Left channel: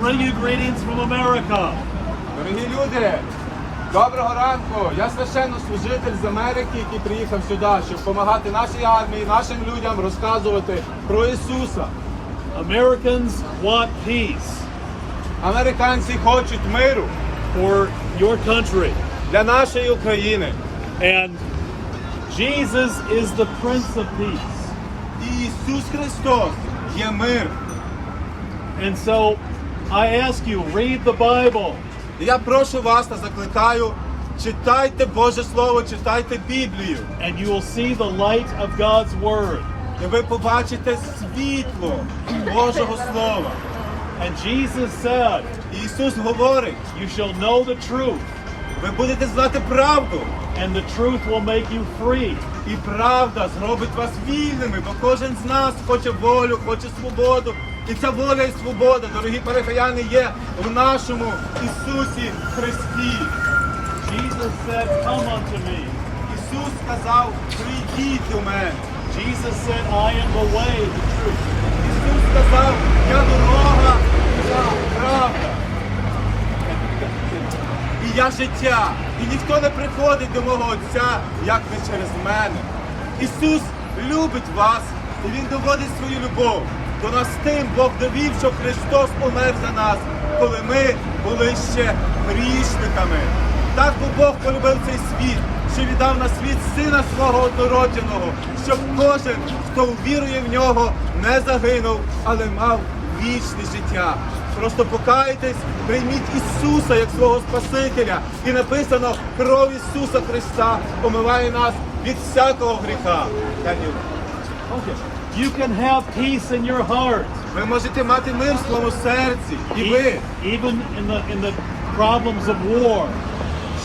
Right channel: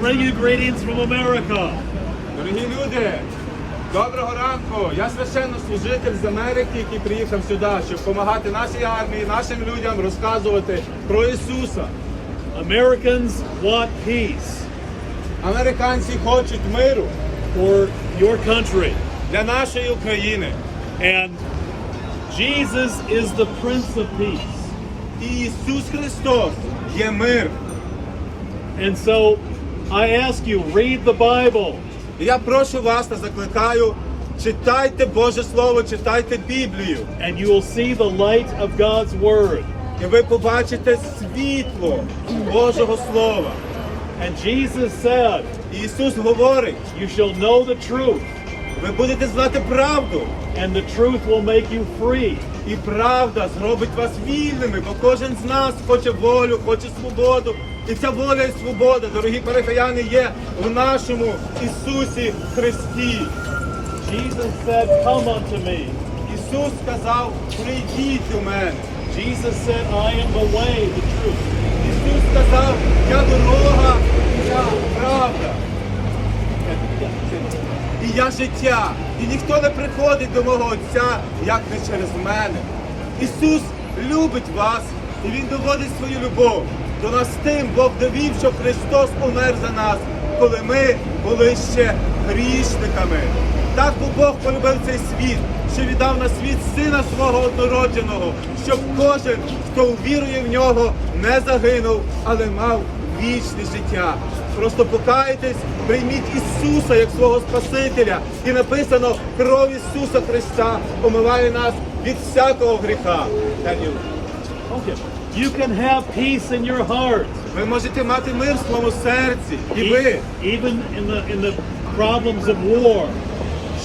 bring you greetings from America. Дорогі люди, доброго ранку! Я священнослужитель з Америки, який приїхав сюди, щоб допомагати нашій армії, нашим людям розказувати про Ісуса. Americans want peace Американці хочуть миру for your country. для нашої України. And Jesus is the Prince of Peace. І Ісус Христос є мир. And so I ask you, read the Bible. І я прошу вас та закликаю, читайте Боже Слово, читайте Біблію. and you will see the light of God's Word. І ви побачите світло Божого Слова. And Jesus said, І Ісус говорить, You shall know the truth, ви будете знати правду. and the truth will make you free. І правда зробить вас вільними, бо кожен з нас хоче волю, хоче свободу. І ця воля і свобода, дорогі перехаяни, є в нашому Ісусі Христі. Jesus said, Come unto me. Ісус сказав, прийдіть до мене. Jesus said, I am the way, the truth. Ісус сказав, я дорога, я правда. І я життя. І ніхто не приходить до мого Отця, як не через мене. Ісус любить вас, і Він доводить свою любов. До нас тим Бог довів, що Христос умер за нас, коли ми були ще грішниками. Так бо Бог полюбив цей світ, що віддав на світ сина свого однородженого, щоб кожен, хто увірує в нього, не загинув, але мав вічне життя. Просто покайтесь, прийміть Ісуса як свого Спасителя. І написано, кров Ісуса Христа омиває нас від всякого гріха. You can have peace in your heart. Ви можете мати мир в своєму серці. І ви, Even in the in the problems of war,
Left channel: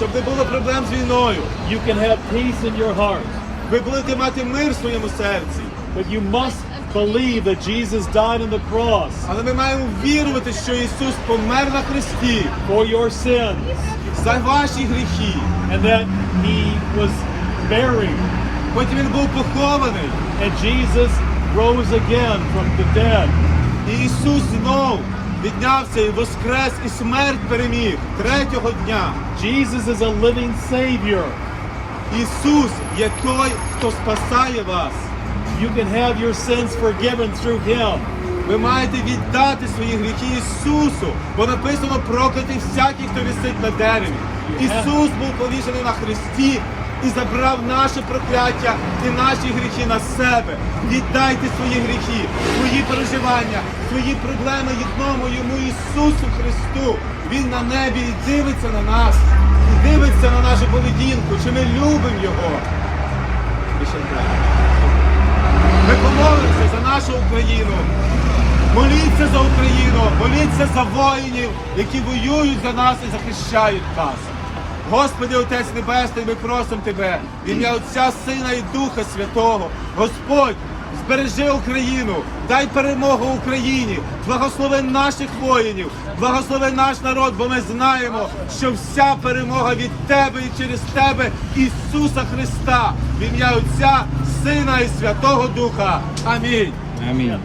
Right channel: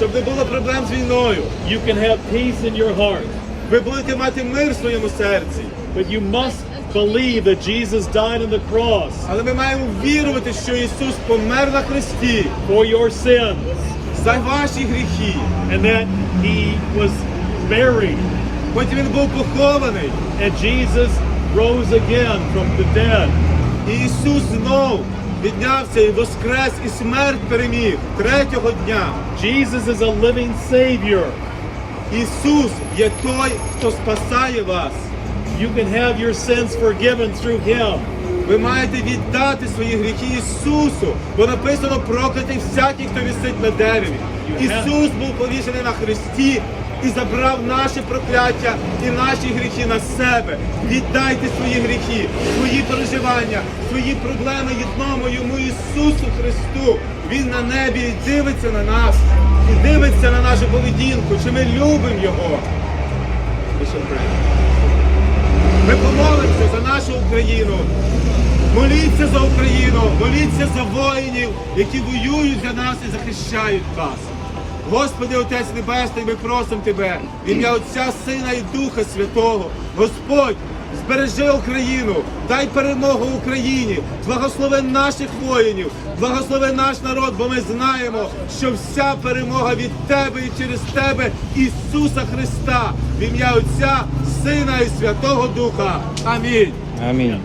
щоб не було проблем з війною. you can have peace in your heart. Ви будете мати мир в своєму серці. But you must believe that Jesus died on the cross Але ми маємо вірувати, що Ісус помер на Христі for your sins за ваші гріхи. and that he was buried Потім він був похований. and Jesus rose again from the dead. І Ісус знов піднявся і воскрес, і смерть переміг третього дня. Jesus is a living savior. Ісус є той, хто спасає вас. You can have your sins forgiven through him. Ви маєте віддати свої гріхи Ісусу, бо написано проклятий всякий, хто висить на дереві. Ісус був повішений на хресті і забрав наше прокляття і наші гріхи на себе. Віддайте свої гріхи, свої переживання, свої проблеми одному йому Ісусу Христу. Він на небі дивиться на нас, дивиться на нашу поведінку, чи ми любимо Його. Ми помолимося за нашу Україну. Моліться за Україну, моліться за воїнів, які воюють за нас і захищають нас. Господи, Отець Небесний, ми просимо Тебе, в ім'я Отця, Сина і Духа Святого. Господь, збережи Україну, дай перемогу Україні, благослови наших воїнів, благослови наш народ, бо ми знаємо, що вся перемога від Тебе і через Тебе, Ісуса Христа, в ім'я Отця, Сина і Святого Духа. Амінь. Амінь.